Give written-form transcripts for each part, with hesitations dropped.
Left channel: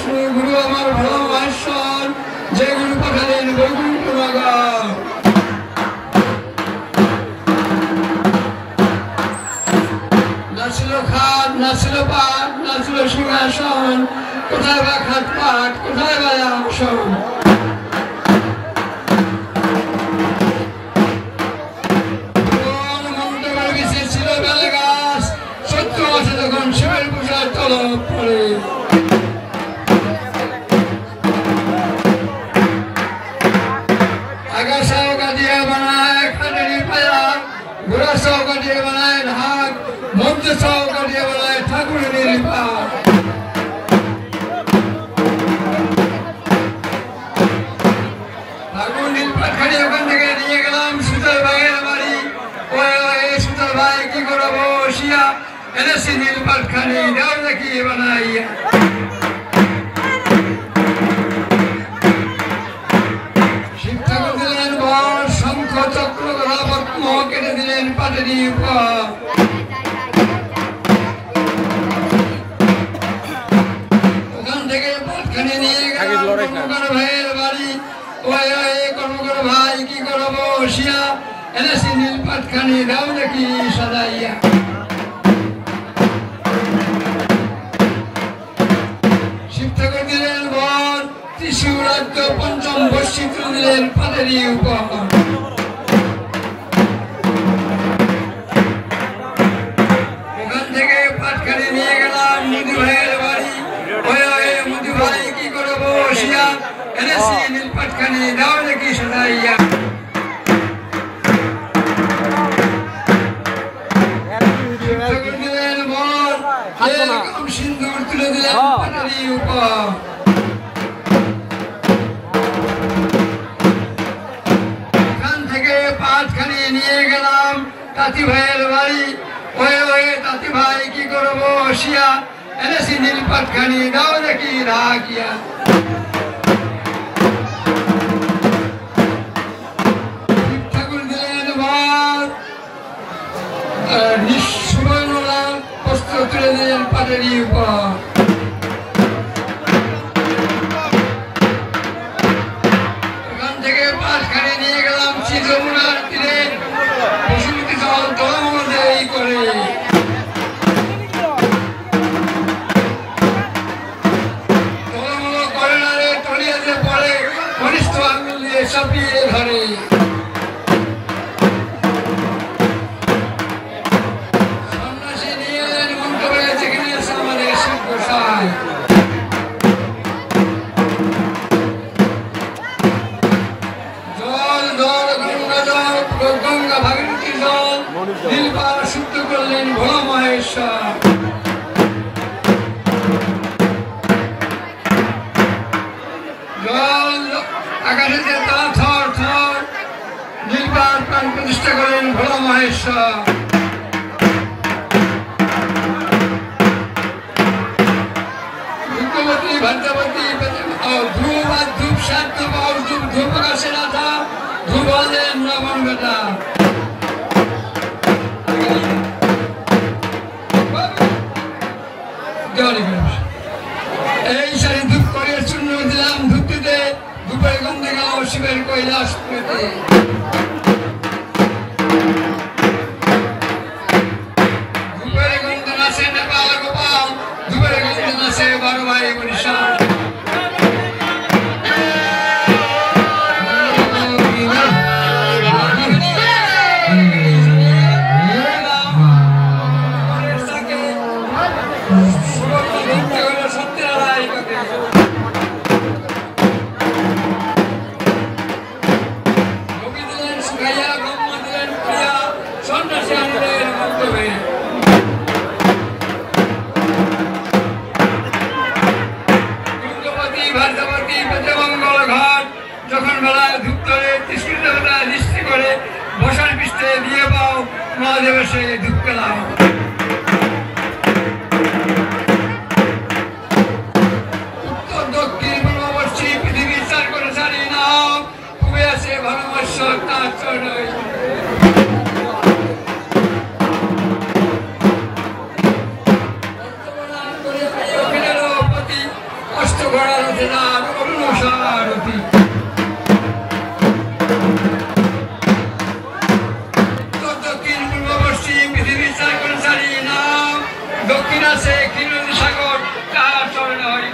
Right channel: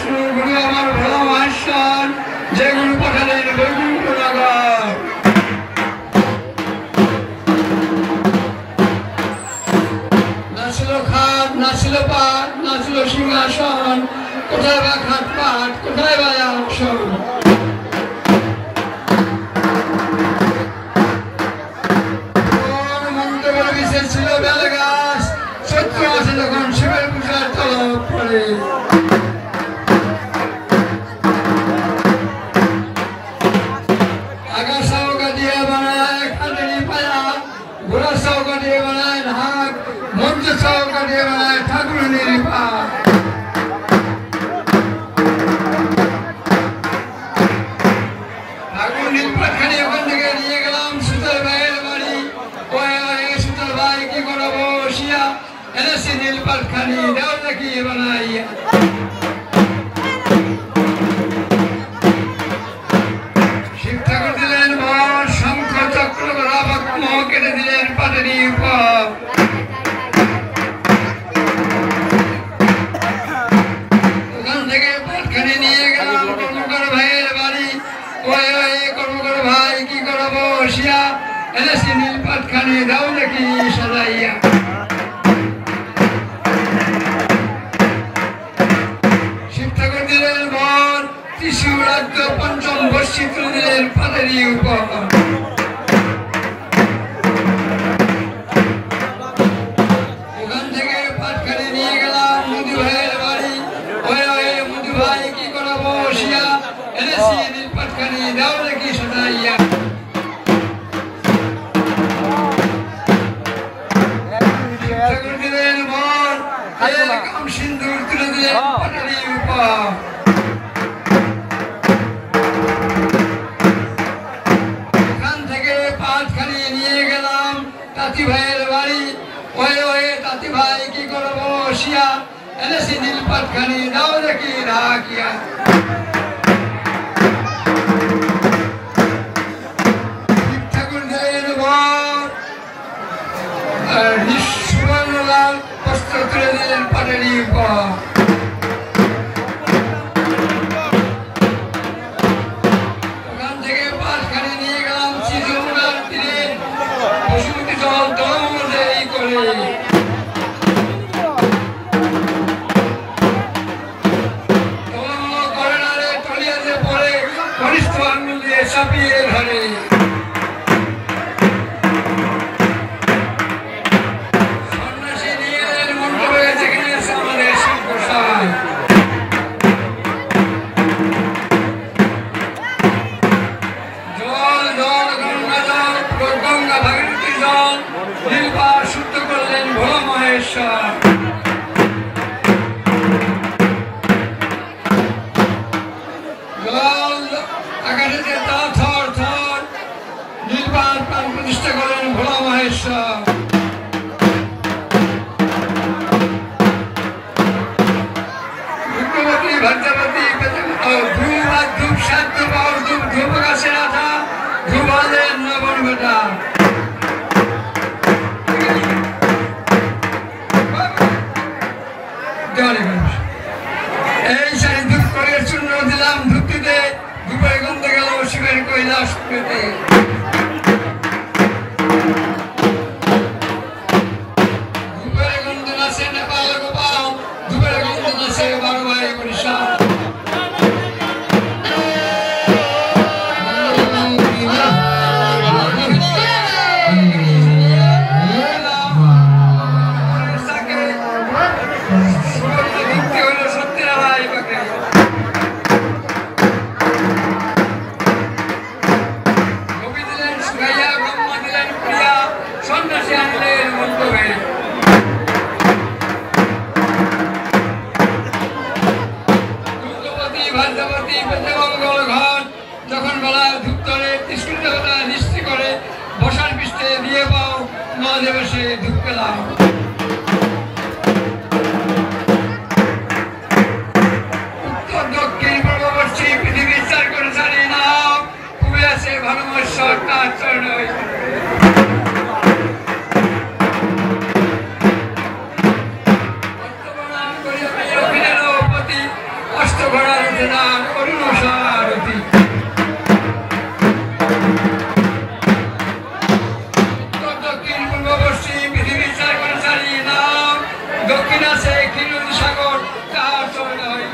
বিষ্ণু গুরু আমার ভোলা মহেশ্বর যে গুরু পাঠালেন বৈকুণ্ঠ নগর। নাছিল খাট, নাছিল পাট, নাছিল সিংহাসন, কোথায় বা খাট পাট, কোথায় বা আসন। ছিল বেলে গাছ, চৈত্র মাসে যখন শিবের পূজায় তলব পড়ে। আকাশ চৌকা দিয়ে বানায় খাটেরি পায়া, ঘোড়া চৌকা দিয়ে বানায় ঢাক, মঞ্চ চৌকা দিয়ে বানায় ঠাকুরের পা। ঠাকুর নীলপাট খাড়ি ওখান থেকে নিয়ে গেলাম সুতল ভাইয়ের বাড়ি। সুতল ভাই কি করবো বসিয়া, এনেছি নীলপাট খানি দেও দেখি বানাইয়া। শিব ঠাকুর দিলেন বর, শঙ্খ চক্র গলা পদ্ম কেটে দিলেন পাটেরি উপর। ওখান থেকে পাটখানি নিয়ে গেলাম কর্মকার ভাইয়ের বাড়ি। কর্মকার ভাই কি করবো বসিয়া, এনেছি নীলপাট খানি দাও দেখি সাজাইয়া। শিব ঠাকুর দিলেন বর, ত্রিশূল রাজ্য পঞ্চম বর্ষিত দিলেন পাটেরি উপর। ওখান থেকে পাটখানি নিয়ে গেলাম মধু ভাইয়ের বাড়ি। মধু ভাই কি করবো বসিয়া, এনেছি নীলপাট খানি দাও দেখি সাজাইয়া। সিন্দুর তুলে দিলেন পাটেরি উপর। ওখান থেকে পাটখানি নিয়ে গেলাম তাঁতি ভাইয়ের বাড়ি। তাঁতি ভাই কি করবো বসিয়া, এনেছি নীলপাট খানি দাও দেখি ঢাকিয়া। ঠাকুর দিলেন বর, সুবর্ণলাল বস্ত্র তুলে দিলেন পাটেরি উপর। ওখান থেকে পাটখানি নিয়ে গেলাম যমুনার তীরে, বসুমতী জল তলমূল করে। তলমূল করে না রে, তলিয়াতে পড়ে, কনিষ্ঠ আঙুল দিয়ে চাপিয়ে ধরে। গঙ্গা ভাগীরথী জল নীলপাট শুদ্ধ করলেন ভোলা মহেশ্বর। জল আকাশে তা থর থর, নীলপাট প্রাণ প্রতিষ্ঠা করলেন ভোলা মহেশ্বর। ভুক্তবতী ভাগ্যবতী ধ্রুব আর ধূপ সাত ধূপ আর ধূপ ধূপ গাছের আঠা ধূপ আনলেন নবন বেটা। এই সারি ধূপ করে চূর্ণ দিলাম ধূপটিতে, ধূপের গন্ধে গেল শিবের কৈলাস পেতে। ধূপের গন্ধ নাচে নেপাল গোপাল, ধূপের গন্ধ নাচে বারো ভাই বরিশাল। যখন বেলায় ধূপ করে দৃষ্টি করে বসার পৃষ্ঠে দিয়ে পাও মহাদেবের সে ধূপ পেলাম। উত্তর দক্ষিণ পূর্ব পশ্চিম পৃথিবী চার করে জানি না, খুবই আছে ভালোবাসার তার চরণ। ঘোড়া রথে যান অরুণ সারথি দক্ষিণ পূর্ব পশ্চিম পৃথিবীর চারি নাম দক্ষিণ আছে ক্ষীরনদী সাগর তার চরণে হয়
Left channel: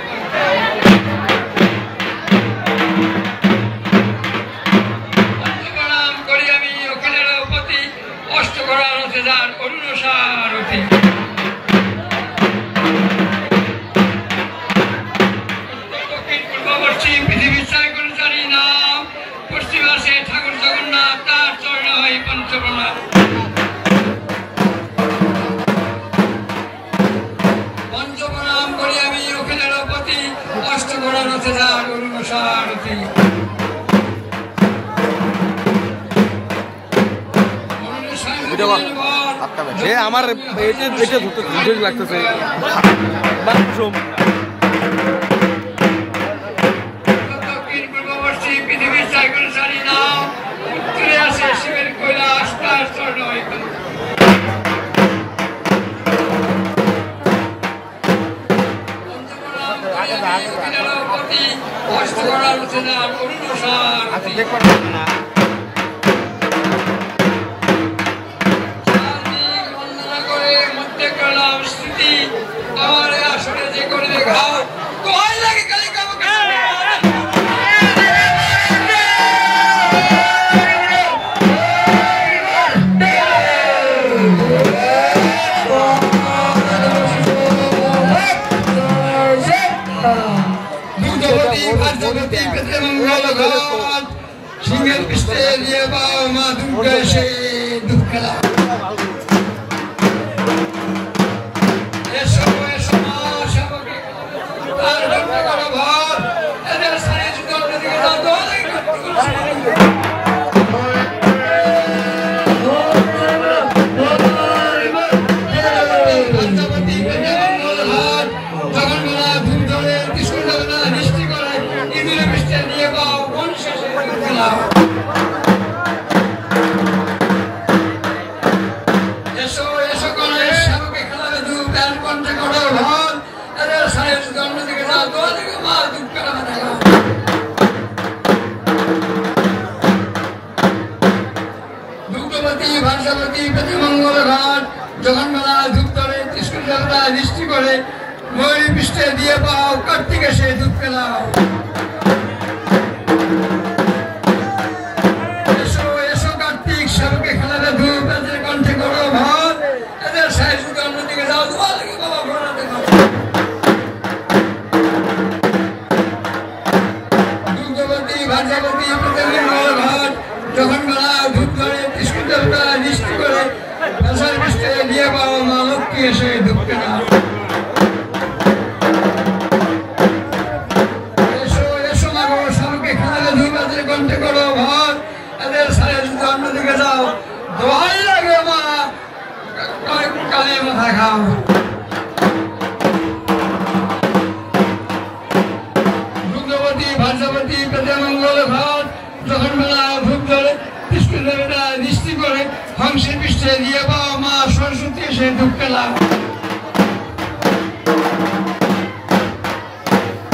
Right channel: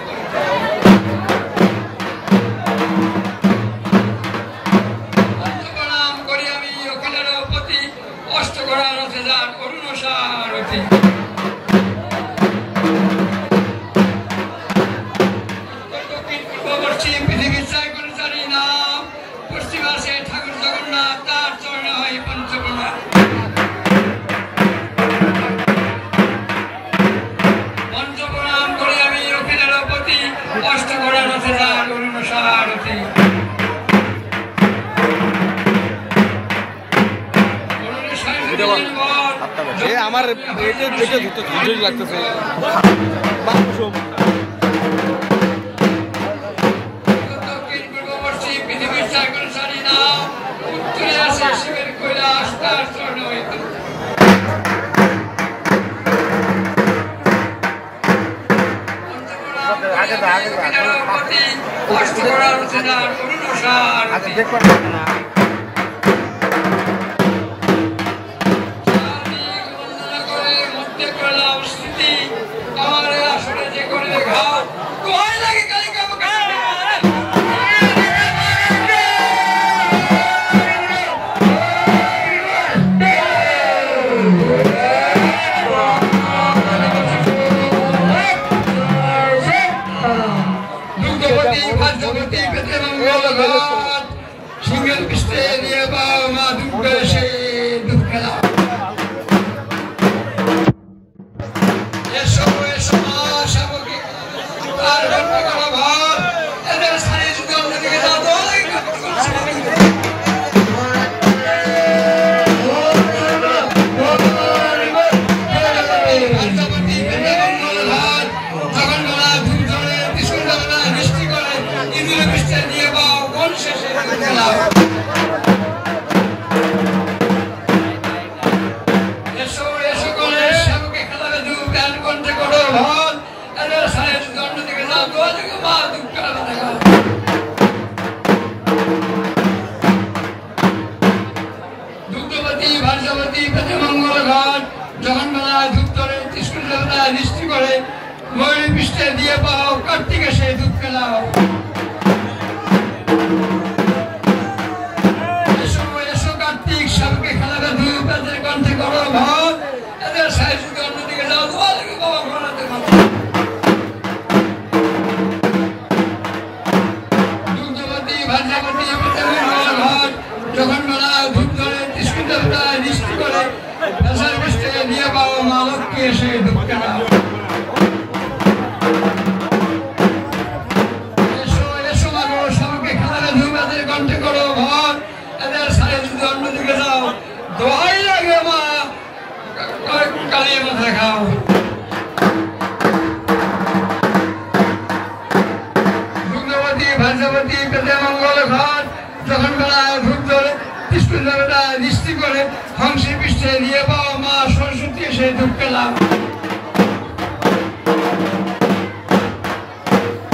প্রণাম করি আমি ওখানের প্রতি অষ্ট ঘোড়া রথে যান অরুণ সারথি দক্ষিণ পূর্ব পশ্চিম পৃথিবীর চারি নাম পশ্চিম আছে ঠাকুর জগন্নাথ তার চরণে হয় পঞ্চপ্রণাম পঞ্চপ্রণাম করে আমি ওখানের প্রতি অষ্ট ঘোড়া রথে যান অরুণ সারথি আমার লাগতেছে দক্ষিণ পূর্ব পশ্চিম পৃথিবীর চারি নাম উত্তরে আছে শিবের কৈলাস তার চরণে হয় অষ্ট ঘোড়া রথে যান অরুণ সারথি মধ্যে করলাম স্থিতি আমার আসলে যে করে দেখাও দোহাই লাগে কালী সিংহের পৃষ্ঠে নিয়ে পাও মা দুর্গা সে দুধ খেলা এসো এসো মা শাবকে আর ঘন্টা করো ভর এদের সারে যদি অন্যদিকে যাও দোহাই এসো এসো করে শাবকে খেলাবে দু প্যান কণ্ঠে করো ভর এদের সারে যদি অন্যদিকে যাও দোহাই মা দুধ খেলা দেখাও দুগ্ধবতী ভার্যবতী প্রতিমঙ্গল ঘাট জগন্মালা ধূপ ধরে ত্রিশূল দেবতা দৃষ্টি করে ময়ূরী পৃষ্ঠে দিয়ে পাও কার্তিকে সে ধূপ খেলাও এসো এসো কার্তিক শাবকে খেলাবে ধূপ এদের কণ্ঠে করো ভর এদের সাহেব যদি অন্যদিকে যাও দোয়া লাগে বাবা ঘোড়া দেখো দুগ্ধবতী ভার্যবতী প্রতিমঙ্গল ঘাট জগন্মালা ধূপ ধরে ত্রিশূল দেবতা দৃষ্টি করে দশার পৃষ্ঠে দিয়ে পাও মা লক্ষ্মী এসে ধূপ খেলাও এসো এসো মা গো শাবকে খেলাবে ধূপ এদের কণ্ঠে করো ভর এদের সারে যদি অন্যদিকে যাও দোহাই লাগে মা কালে মাথা খাও দুগ্ধবতী ভার্যবতী প্রতিমঙ্গল ঘাট জগন্মালা ধূপ ধরে ত্রিশূল দেবতা দৃষ্টি করে হংসের পৃষ্ঠে দিয়ে পাও মা সরস্বতী এসে ধূপ খেলাও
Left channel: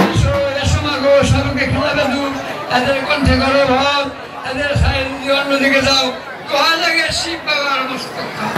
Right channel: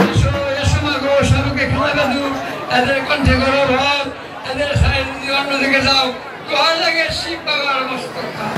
এসো এসো মা গো শাবকে খেলাবে ধূপ এদের কণ্ঠে করো ভর এদের সাইড দিয়ে অন্যদিকে যাও দোহাই লাগে শিব বাবার মস্তক